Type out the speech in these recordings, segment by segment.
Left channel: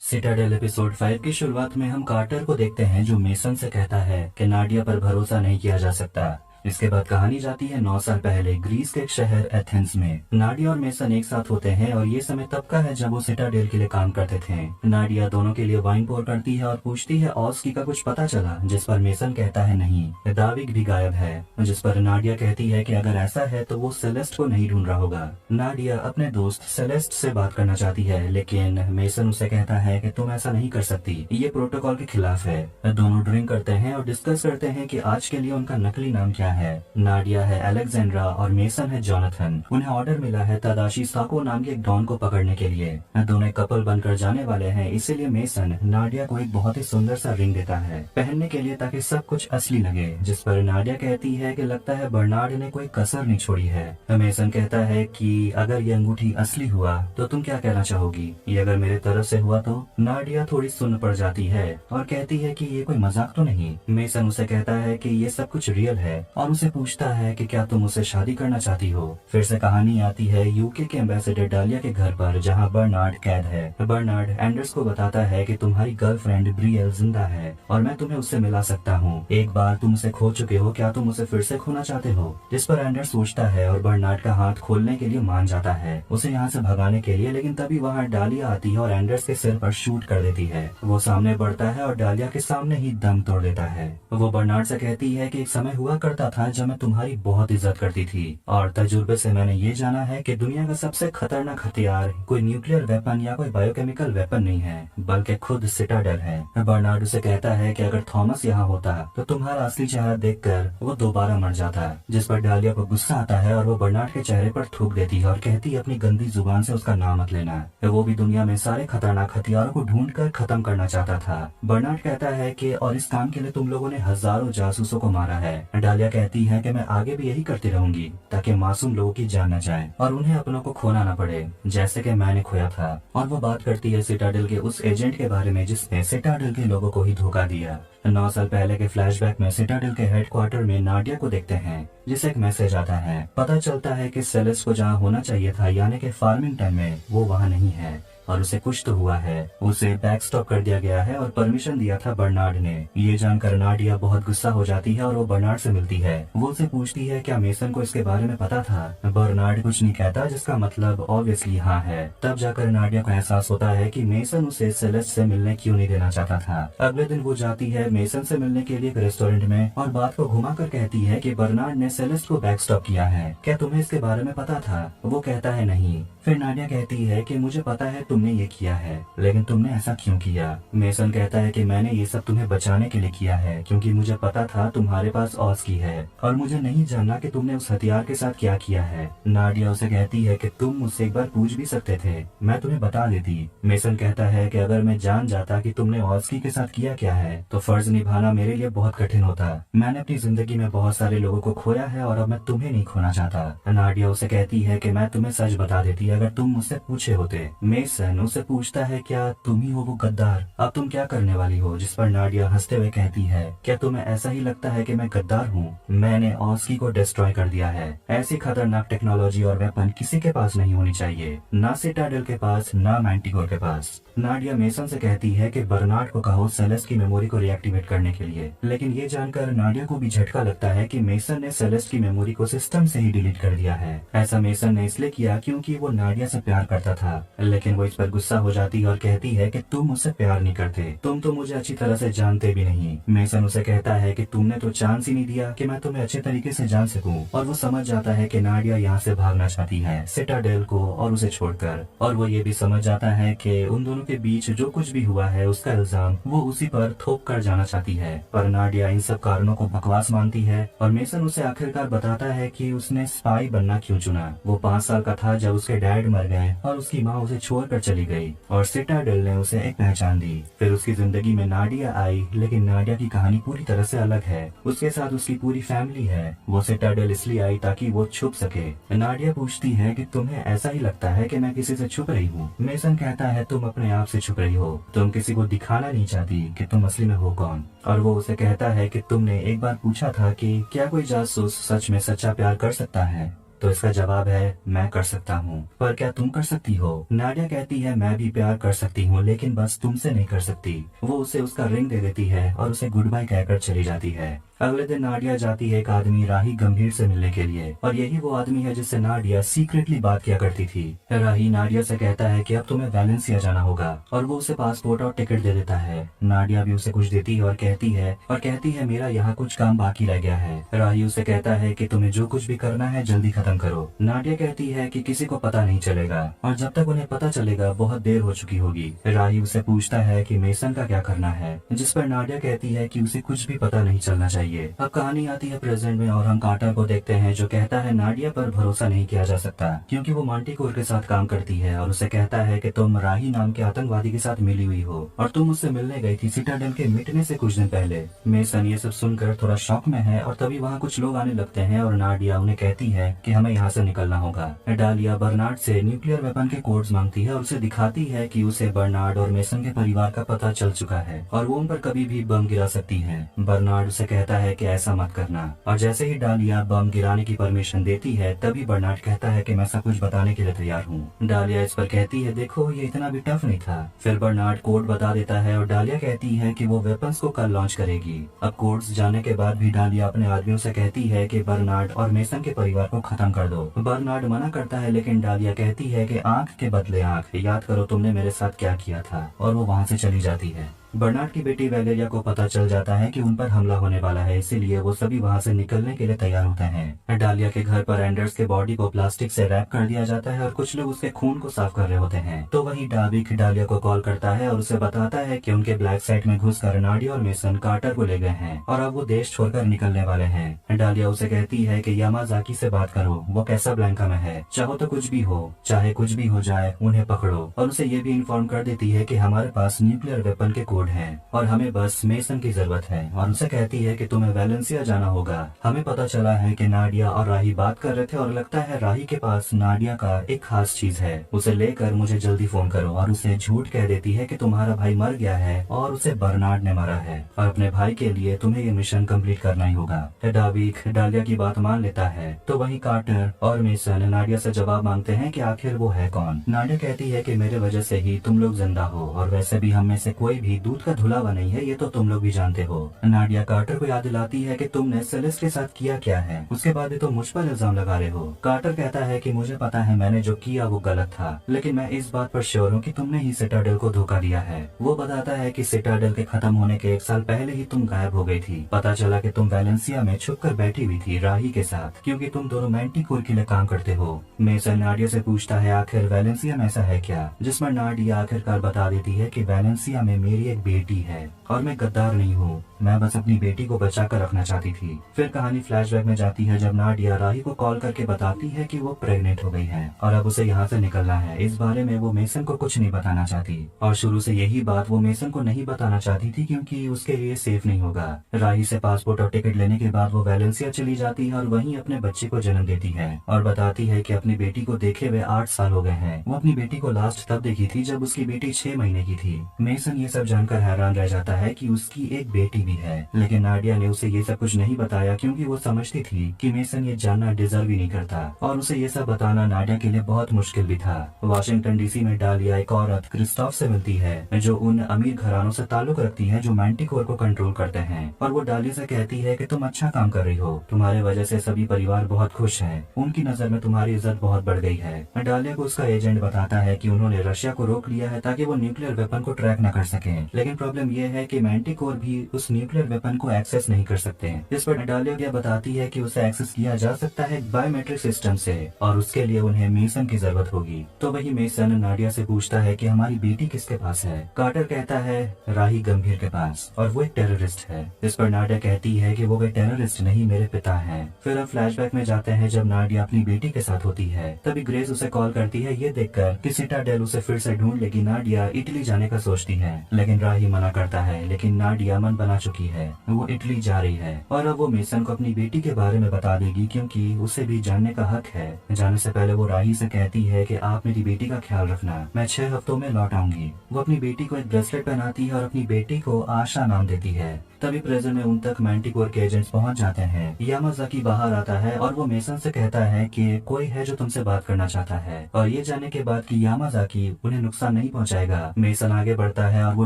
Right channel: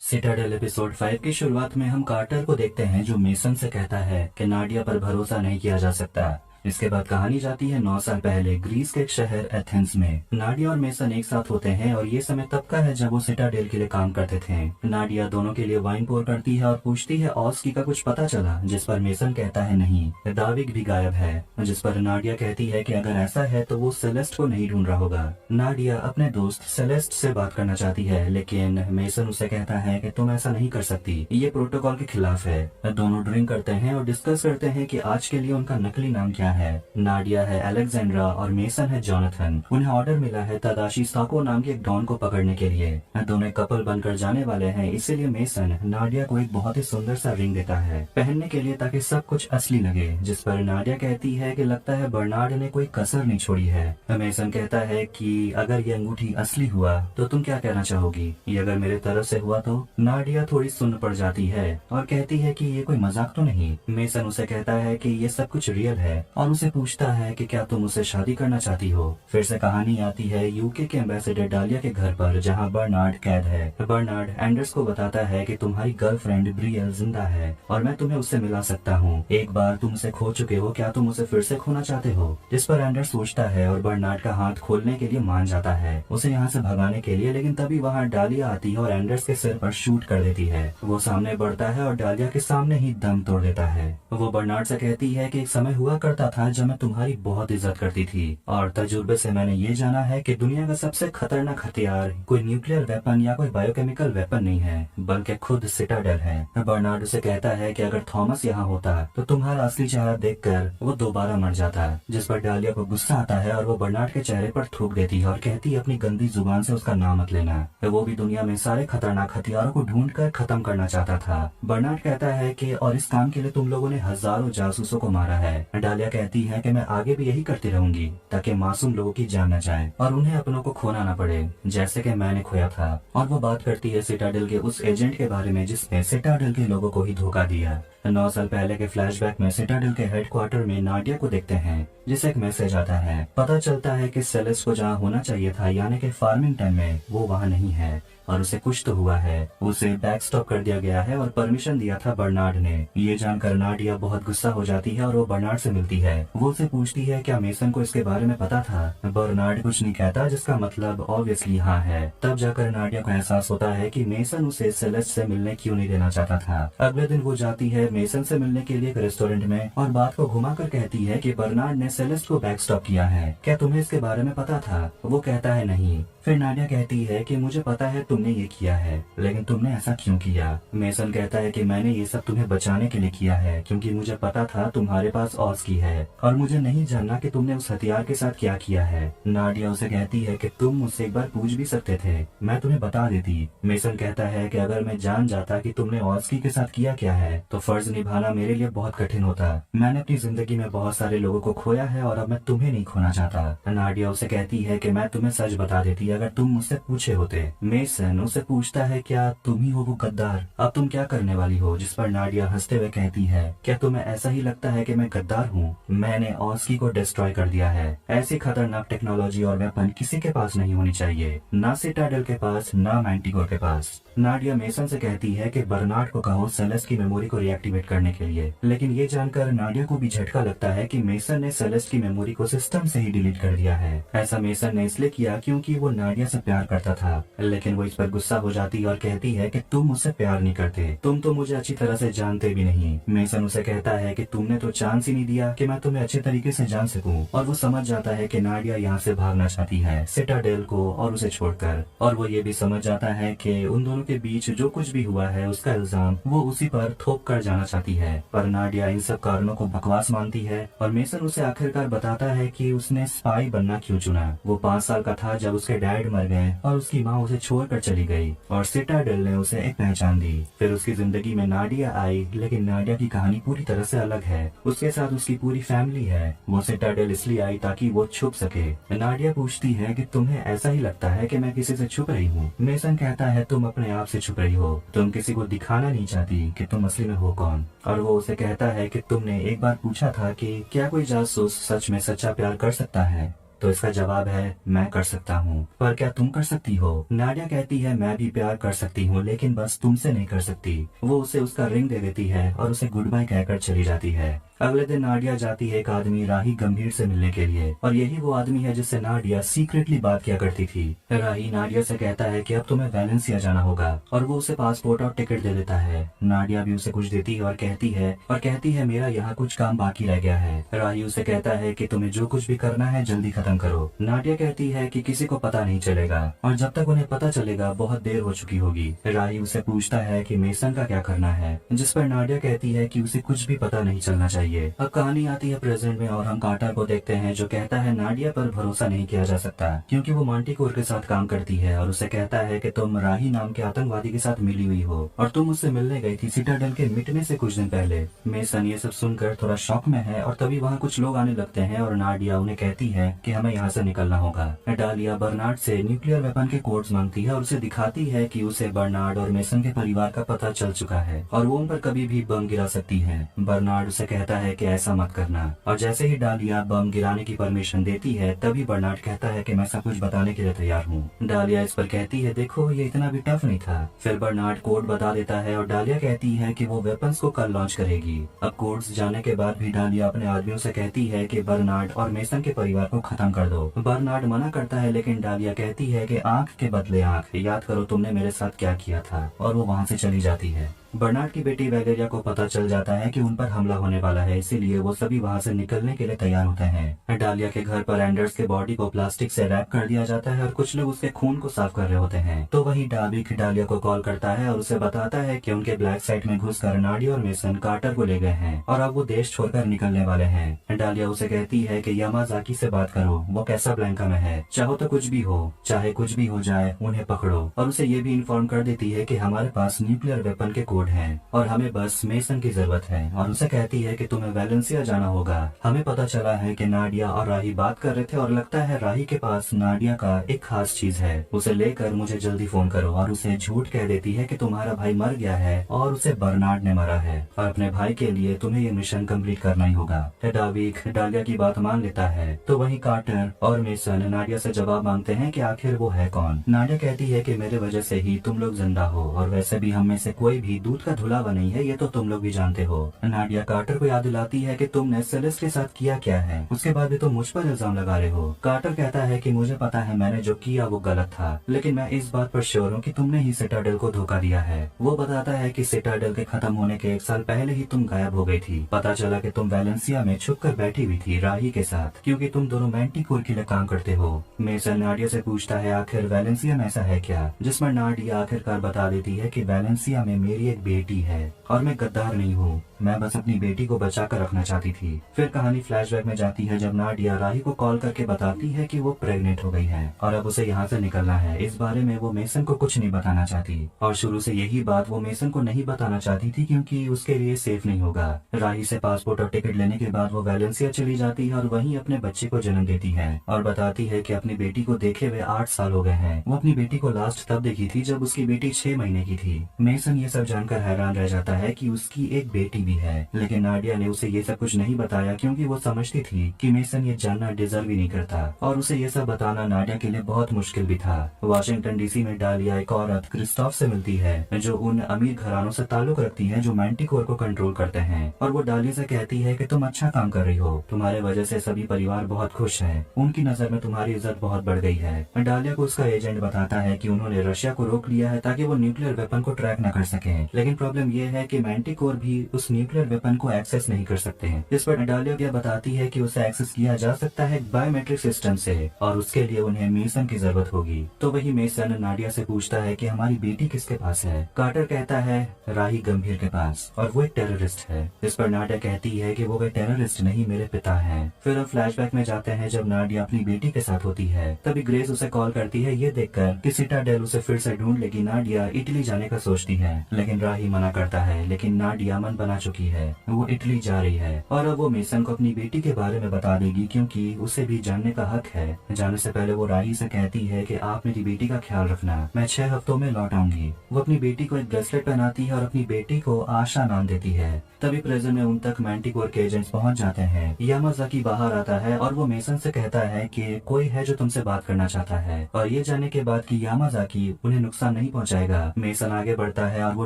Citadel episode 5 की शुरुआत में हम कार्टर को देखते हैं जो मेसन से कहता है कि नाडिया पर भरोसा नहीं किया जा सकता। इसके बाद कहानी जाती है 9 साल पहले ग्रीस के एक शहर एथेंस में। नाडिया और मेसन एक साथ होते हैं और ये समय तब का है जब वो सिटाडेल के लिए काम करते थे। नाडिया दोनों के लिए वाइन पोर करती है और पूछती है ऑस्की का कुछ पता चला, जिस पर मेसन कहता है नहीं, दाविक भी गायब है। जिस पर नाडिया कहती है कि अगर ऐसा है तो वो सेलेस्ट को नहीं ढूंढ रहा होगा। नाडिया अपने दोस्त सेलेस्ट से बात करना चाहती है, लेकिन मेसन उसे कहता है कि तुम ऐसा नहीं कर सकती, ये प्रोटोकॉल के खिलाफ है। दोनों ड्रिंक करते हैं और डिस्कस करते हैं कि आज के लिए उनका नकली नाम क्या है। नाडिया है अलेक्जेंड्रा और मेसन है जोनाथन। उन्हें ऑर्डर मिला है तदाशी साको नाम के एक डॉन को पकड़ने के लिए। दोनों कपल बनकर जाने वाले हैं, इसीलिए मेसन नाडिया को एक बहुत ही सुंदर सा रिंग देता है पहनने के लिए ताकि सब कुछ असली लगे। जिस पर नाडिया कहती है कि लगता है बर्नार्ड ने कोई कसर नहीं छोड़ी है। मेसन कहता है कि अगर ये अंगूठी असली हुआ तो तुम क्या कहना चाहोगी, ये अगर मेरे तरफ से हुआ तो। नाडिया थोड़ी सुन्न पड़ जाती है और कहती है कि ये कोई मजाक तो नहीं। मेसन उसे कहता है कि ये सब कुछ रियल है और उसे पूछता है कि क्या तुम उससे शादी करना चाहती हो। फिर से कहानी आती है यूके के एम्बेसडर डालिया के घर पर, जहाँ बर्नार्ड कैद है। बर्नार्ड एंडर्स को बताता है कि तुम्हारी गर्लफ्रेंड ब्रियल जिंदा है और मैं तुम्हें उससे मिला सकता हूँ। एक बार तुम उसे खो चुके हो, क्या तुम उसे फिर से खोना चाहते हो। जिस पर एंडर्स सोचता है और बर्नार्ड का हाथ खोलने के लिए मान जाता है उसे यहाँ से भगाने के लिए, लेकिन तभी वहाँ डालिया आती है और एंडर्स के सिर पर शूट कर देती है। वो सामने बढ़ता है और डालिया के सामने ही दम तोड़ देता है। वो बर्नार्ड से कहती है कि एक समय हुआ करता था जब मैं तुम्हारी बहुत इज्जत करती थी और तजुर्बे से मैंने ये जाना है कि दुनिया का सबसे खतरनाक हथियार कोई न्यूक्लियर वेपन या कोई बायोकेमिकल वेपन नहीं है, बल्कि खुद सिटाडेल है। बर्नार्ड उसे कहता है कि अगर थॉमस यहाँ होता तो तुम्हारा असली चेहरा देखकर वो दोबारा मर जाता। जिस पर डालिया को गुस्सा आता है और वो बर्नार्ड के चेहरे पर थूक देती है और कहती है अपनी गंदी जुबान से उसका नाम मत लेना। वो भी दुनिया में सारे खतरनाक हथियारों को ढूंढ कर खत्म करना चाहता था। बर्नार्ड कहता है कि और इस काम के लिए तुम लोगों ने हजारों जासूसों को मारा है। डालिया कहती है कि मैं आगे भी यही करती रहूंगी ताकि मासूम लोगों की जान न जाए और उन्हें अपनों को खोना न पड़े, जैसे कि मैंने खोया था। और वो बात करती है सिटाडेल के उस एजेंट के बारे में जिसने सिटाडेल के लोगों को ही धोखा दिया। 9 साल पहले के फ्लैशबैक में सिटाडेल के हेडक्वार्टर में नाडिया को देखते हैं, जिसे एक मैसेज आता है। पता चलता है कि सेलेस को जहाँ होना चाहिए था यानी कि फार्मिंगटन में, वो वहाँ नहीं है और उसे कुछ तो हुआ है। उसे बैकस्टॉप कर दिया गया है और परमिशन दिया था बर्नार्ड ने। ये जानकर नाडिया बहुत गुस्सा हो जाती है और वो बर्नार्ड से मिलती है। वो उसे पूछती है क्या मेसन को इसके बारे में पता था। बर्नार्ड कुछ नहीं कहता, जिसका मतलब ऑब्वियसली हाँ है। तब जाकर नाडिया को एहसास होता है कि मेसन उसे सेलेस से मिलने क्यों नहीं देना चाहता था। अगले दिन वो जाती है मेसन से मिलने के लिए एक रेस्टोरेंट में और बात को घुमाकर कहती है कि बर्नार्ड ने सेलेस्ट को बैकस्टॉप किया है, क्या तुम्हें इसके बारे में पता था। वो कहता है नहीं। फिर नाडिया कहती है कि मुझे पता है तुमने ये किया है, लेकिन तुमने ऐसा क्यों किया। मेसन कहता है कि मैंने ये सब तुम्हें बचाने के लिए किया है, क्योंकि मुझे पता था तुम्हारे पास ऑस्की है और मुझे नहीं जानना कि तुमने उस हथियार के साथ क्या किया है। नाडिया उसे कहती है कि तुम मुझसे एक बार पूछ भी सकते थे, मैं तुम्हें बता देती। मेसन कहता है कि अगर मैं जान जाता कि तुमने ऑस्की के साथ किया क्या है तो फर्ज निभाना मेरे लिए बहुत कठिन होता। मैंने अपनी जिंदगी में बहुत सारे लोगों को खोया है और अब मैं तुम्हें नहीं खोना चाहता। नाडिया उसे कहती है कि मैं तुम्हें सच बता देती अगर तुम मुझसे पूछे होते। मेसन उसे पूछता है क्या तुम ही हो वो गद्दार, अब तुम क्या करने वाली हो। जिस पर नाडिया हंसते हुए कहती है क्या तुम्हें ऐसा ही लगता है कि मैं गद्दार हूँ। मैंने ऑस्की को डिस्ट्रॉय कर दिया है। ऐसी खतरनाक टेक्नोलॉजी और वेपन किसी के पास नहीं होनी चाहिए, ना सिटाडेल के पास ना मैंटिकोर के पास। नाडिया मेसन से कहती है कि बर्नार्ड को कहो सेलेस्ट की मेमोरी को रिएक्टिवेट करने के लिए, लेकिन ये जानकर नाडिया को भी झटका लगता है कि मेसन ने सेलेस्ट की मेमोरी को सिस्टम से ही डिलीट कर दिया है। ऐसा मेसन ने इसलिए किया क्योंकि वो नाडिया से प्यार करता था, लेकिन वो इस पर गुस्सा हो जाती है और कहती है कि तुम मुझसे प्यार नहीं करते, तुम तो मुझे अच्छी तरह से जानते भी नहीं। मेसन उसे कहता है कि तुमने तो चांस ही नहीं दिया कि मैं तुम्हें अच्छे तरीके से जान सकूं। और वो समझ जाता है कि नाडिया यहाँ से भागना चाहती है सिटाडेल को और उसे छोड़कर। और वो ये भी समझ जाता है कि उन दोनों के बीच जो कुछ भी हुआ है उसका इल्जाम वो उसी पर थोप कर जाना चाहती है। पर नाडिया इन सब कारणों को बकवास मानती है और मेसन उसे आखिरकार बताता है कि उसने स्पाई बनना क्यों चुना। वो 5 साल का था जब उसके डैड मर गए और उसकी माँ उसे छोड़कर चली गई और सिटाडेल ने उसे एक पहचान दी। फिर उसकी जिंदगी में नाडिया आई, लेकिन नाडिया की कहानी पूरी तरह से अलग है। उसके साथ उसकी पूरी फैमिली है। वो सिटाडेल इसलिए आई ताकि वो छुप सके। नाडिया पूछती है कि तुम्हें ऐसा ही लगता है कि मैं किसी से छुप रही हूँ। मेसन कहता है तुम अपने आप से छुप रही हो, तुम किसी को दिखाना नहीं चाहती कि तुम असली में हो कौन। और वो उसे कहता है कि तुमने एक बार पूछा था कि क्या कोई जासूस सच में सच्चा प्यार कर सकता है। तो इसका जवाब है मैं कर सकता हूँ। पर क्या तुम कर सकती हो? नाडिया कहती है मैं भी प्यार कर सकती हूँ, लेकिन बस तुमसे नहीं कर सकती। वो उसे उसका रिंग दे देती है और उसे गुड बाय कहकर चली जाती है। अगले दिन नाडिया जाती है एक आदमी राही गंभीर से मिलने के लिए, और यही वो आदमी है जिससे नाडिया सीक्रेटली बात किया करती थी। राही नाडिया से कहता है कि अब तुम्हें वैलेंसिया जाना होगा, और वो उसे पासपोर्ट और टिकट दे देता है। नाडिया भी उसे कुछ देती है और कहती है मेरा यहाँ कुछ काम बाकी रह गया है। राही उसे कहता है कि तुम्हें जो कुछ भी करना है जल्दी खत्म करो। नाडिया कहती है कि किसी को पता नहीं चलेगा, और जब तक उन्हें पता चलेगा बहुत देर हो चुकी होगी। राही उसे पूछता है कि मेसन का क्या करना है, जिस पर नाडिया कहती है कि उसे कुछ भी पता नहीं चलना चाहिए। अब कहानी आती है प्रेजेंट में, और हम कार्टर को देखते हैं जो कहता है नाडिया पर भरोसा नहीं किया जा सकता, क्योंकि वो मांटिकोर के साथ काम करती है, और उसे कहता है कि तुम राही नाम के आतंकवादी के साथ मिली हुई हो, और तुम उससे मिलने गई थी सिटाडेल के मिटने से कुछ दिन पहले। मेसन ये सब सुनकर थोड़ा शॉक में है, और तभी वहाँ कुछ लोग आने लगते हैं, और नाडिया उन्हें कहती है कि हमें यहाँ से निकलना होगा। डालिया बर्नार्ड से न्यूक्लियर वेपन के कोड्स मांगती है, और उसे दिखाती है कि उसे बर्नार्ड और मेसन के परिवार का पता चल चुका है, और वो उन पर कभी भी बम गिरा सकती है। बर्नार्ड उसे कहता है कि ऐसा मत करना, और जैसे ही डालिया बम गिराने की परमिशन देती है, तभी बर्नार्ड कहता है कि मैं सब कुछ बताने के लिए तैयार हूँ। डालिया इस पर कहती है देखो ये इतना भी टफ नहीं था। फिर बर्नार्ड कोड बता देता है, और डालिया कहती है कि वो वेपन्स को कल लॉन्च करेगी। अब कोड्स जानने के बाद भी डालिया अपने आदमियों से कहती है कि बर्नार्ड और मेसन के परिवार को खत्म कर दो। बर्नार्ड मना करता है, लेकिन डालिया कहती है कि आंख के बदले आंख, याद करो तुमने मेरे साथ क्या किया था, और वो वहाँ से चली जाती है। बर्नार्ड की बेटी वैलेरिया को पता चल जाता है कि उन पर हमला होने वाला है, इसीलिए वो सभी वहाँ से निकलने के लिए तैयार होते हैं। डालिया के घर पर एंडर्स के बॉडी को प्लास्टिक से रैप कर दिया जाता है, और कुछ लोग उसके खून को साफ कर रहे होते हैं। तो वही डाविक डालिया को कॉल करता है और उसे बताता है कि उनके ब्लैक साइट में घुसकर नाडिया और मेसन कार्टर को ले गए हैं, और अब वो देश छोड़कर निकलने वाले हैं। डालिया उसे कहती है कि यामाजाकी से बात करो, वो कैसाब्लैंका में है, चाहो तो कुछ भी हो, चाहे कुछ भी हो जाए उन्हें पकड़ो। और उसे ये भी इन्फॉर्म कर देती है कि हमारे पास न्यूक्लियर वेपन के कोड हैं, और हमें बस मेसन की जरूरत है। और उसे कहती है कि तुम्हें वैलेंसिया जाना होगा। हमें पता चला है कि नाडिया और राही बात कर रहे थे, और लगता है राही के पास नाडिया का एक खास चीज है, उसे लेकर मुझे जल्दी फोन करो। और उसे झूठ कह देती है कि तुम्हारा भाई मर गया है और उसे बर्नार्ड ने मारा है, और अपने भाई के लिए तुम्हें ये मिशन कंप्लीट करना ही होगा। डाविक डालिया की बात मान लेता है। तो वहीं कार्टर और मेसन नाडिया से जवाब मांगते हैं कि आखिर वो है कौन। नाडिया कहती है कि मेरे वजह से ही तुम लोग जिंदा हो, और वैसे भी हम में से कोई भी दूध का धुलावा नहीं है, ये तो तुम लोग भी जानते हो। नाडिया कार्टर को याद दिलाती है कि तुमने सेलेस्ट के साथ किया क्या है, उसके बाद भी तुम मुझ पर इल्जाम लगा रहे हो। कार्टर कहता है कि मुझे पता है मैंने जो किया वो गलत था, लेकिन मैं इस बात पर श्योर हूँ कि तुमने ही सिटाडेल को धोखा दिया है। वो बताता है कि सिटाडेल के खत्म होने के 1 साल पहले ही तुम गायब हो गई थी। पता चला कि तुम वैलेंसिया में छुप कर बैठी हुई थी राही के साथ, क्योंकि तुम दोनों मैंटिकोर के लिए काम करते हो। मेसन नाडिया से पूछता है आखिर वैलेंसिया में ऐसा है क्या, जिसमें नाडिया आखिरकार बता देती है कि वैलेंसिया में मेरी एक बेटी है, और मैं गद्दार नहीं हूँ, मैं बस अपनी बेटी को बचा कर रखना चाहती थी। फिर कहानी फ्लैशबैक में जाती है, जब नाडिया राही को कॉल करके बताती है कि वो प्रेग्नेंट हो गई है, और अब उसे यहाँ से निकलना है। इस बारे में वो मेसन को कुछ नहीं बताना चाहती, और शुरू से यही बात वो मेसन को नहीं बताना चाहती थी, क्योंकि उसके लिए सेफ नहीं होगा। राही से पासपोर्ट और टिकट लेने के बाद वो वैलेंसिया चली जाती है, और वहीं अपने बच्चे को जन्म देती है, और बताती है कि अपनी बेटी को देखे हुए 8 साल हो गए हैं। वो अपनी बेटी को लास्ट तब देखी थी जब उसकी बेटी 6 महीने की थी। मेसन ये सब जानकर हैरान रह जाता है कि उसकी एक बेटी भी है, लेकिन नाडिया ने उसे ये सब कुछ नहीं बताया, क्योंकि वो समझती थी कि मेसन ये जानना डिजर्व ही नहीं करता, और उसे ये सब बताना नाडिया के लिए बहुत मुश्किल भी था। वाशिंगटन डीसी में डालिया एक औरत क्रिस्टोफ से मिलती है, जो उन अमीर घरानों से ताल्लुक रखती है जो मैंटिकोर को कंट्रोल करते हैं, और वो डालिया से कहती है कि तुम अच्छा काम कर रही हो, तुम्हारे वजह से सभी परिवार बहुत खुश हैं, उनकी नजर में तुम्हारी इज्जत बहुत बढ़ गई है। डालिया को उसका एजेंट बताता है कि उन्होंने रशिया को रोक लिया है ताकि वो न्यूक्लियर वेपन को ट्रैक न कर सके, लेकिन प्रॉब्लम ये है कि मैंटिकोर भी उस न्यूक्लियर वेपन को एक्सेस नहीं कर सकते। जिस पर डालिया बताती है कि उसे एक्सेस किया जा सकता है बायोमेट्रिक सिस्टम से, और उसके लिए उन्हें मेसन की जरूरत होगी। तो वही मेसन नाडिया से पूछता है कि हमारी बेटी किसके पास है। कार्टर कहता है राही गंभीर के पास, और वो एक टेररिस्ट है। जिस पर नाडिया कहती है कि वो कोई टेररिस्ट नहीं, मेरे पिता हैं। फिर हम फ्लैशबैक में जाते हैं, जब नाडिया अपनी बेटी के साथ होती है, तभी ग्रेस उसे कॉल करती है, ये देखकर कि सिटाडेल उसे फिर से ढूंढ लेगी। नाडिया इटली जाने का सोचती है, लेकिन राही मना करता है, लेकिन नाडिया मन बना चुकी है, वो इटली जा रही है, और अब वो मेसन को अपनी बेटी के बारे में बता देगी, क्योंकि उसे भी जानने का हक है। जाने से पहले वो राही से कहती है कि आप मेरी बेटी का ख्याल रखना, मैं 6 हफ्तों में लौट आऊंगी। वो अपनी बेटी को एक ब्रेसलेट पहनाती है और अपनी बेटी को आशा नाम देती है। तभी प्रेजेंट में उन तक मैंटिकोर के एजेंट्स पहुंच जाते हैं। यामाजाकी बाहर आता है और वो मेसन से कहता है कि कोई है जो तुमसे बात करना चाहता है, और ये जानने के बाद कि यामाजाकी उन्हें नुकसान नहीं पहुंचाएगा, मेसन आगे बढ़ता है और वो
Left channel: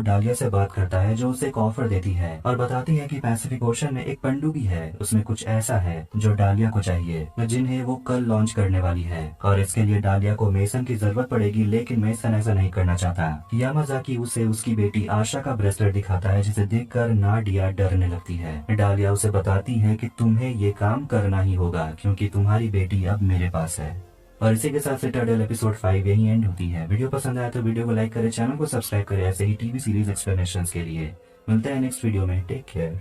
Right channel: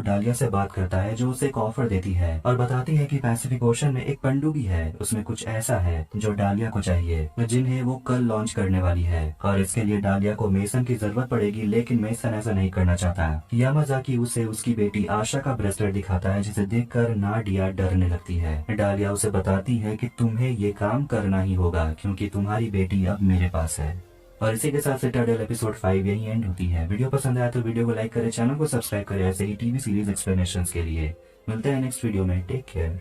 डालिया से बात करता है जो उसे एक ऑफर देती है और बताती है कि पैसिफिक ओशन में एक पनडुब्बी है, उसमें कुछ ऐसा है जो डालिया को चाहिए, जिन्हें वो कल लॉन्च करने वाली है, और इसके लिए डालिया को मेसन की जरूरत पड़ेगी, लेकिन मेसन ऐसा नहीं करना चाहता। यामाजाकी उसे उसकी बेटी आशा का ब्रेसलेट दिखाता है जिसे देखकर नाडिया डरने लगती है। डालिया उसे बताती है कि तुम्हें ये काम करना ही होगा क्योंकि तुम्हारी बेटी अब मेरे पास है। और इसी के साथ सिटाडेल एपिसोड 5 यही एंड होती है। वीडियो पसंद आया तो वीडियो को लाइक करें, चैनल को सब्सक्राइब करें ऐसे ही टीवी सीरीज एक्सप्लेनेशंस के लिए। मिलते हैं नेक्स्ट वीडियो में। Take care.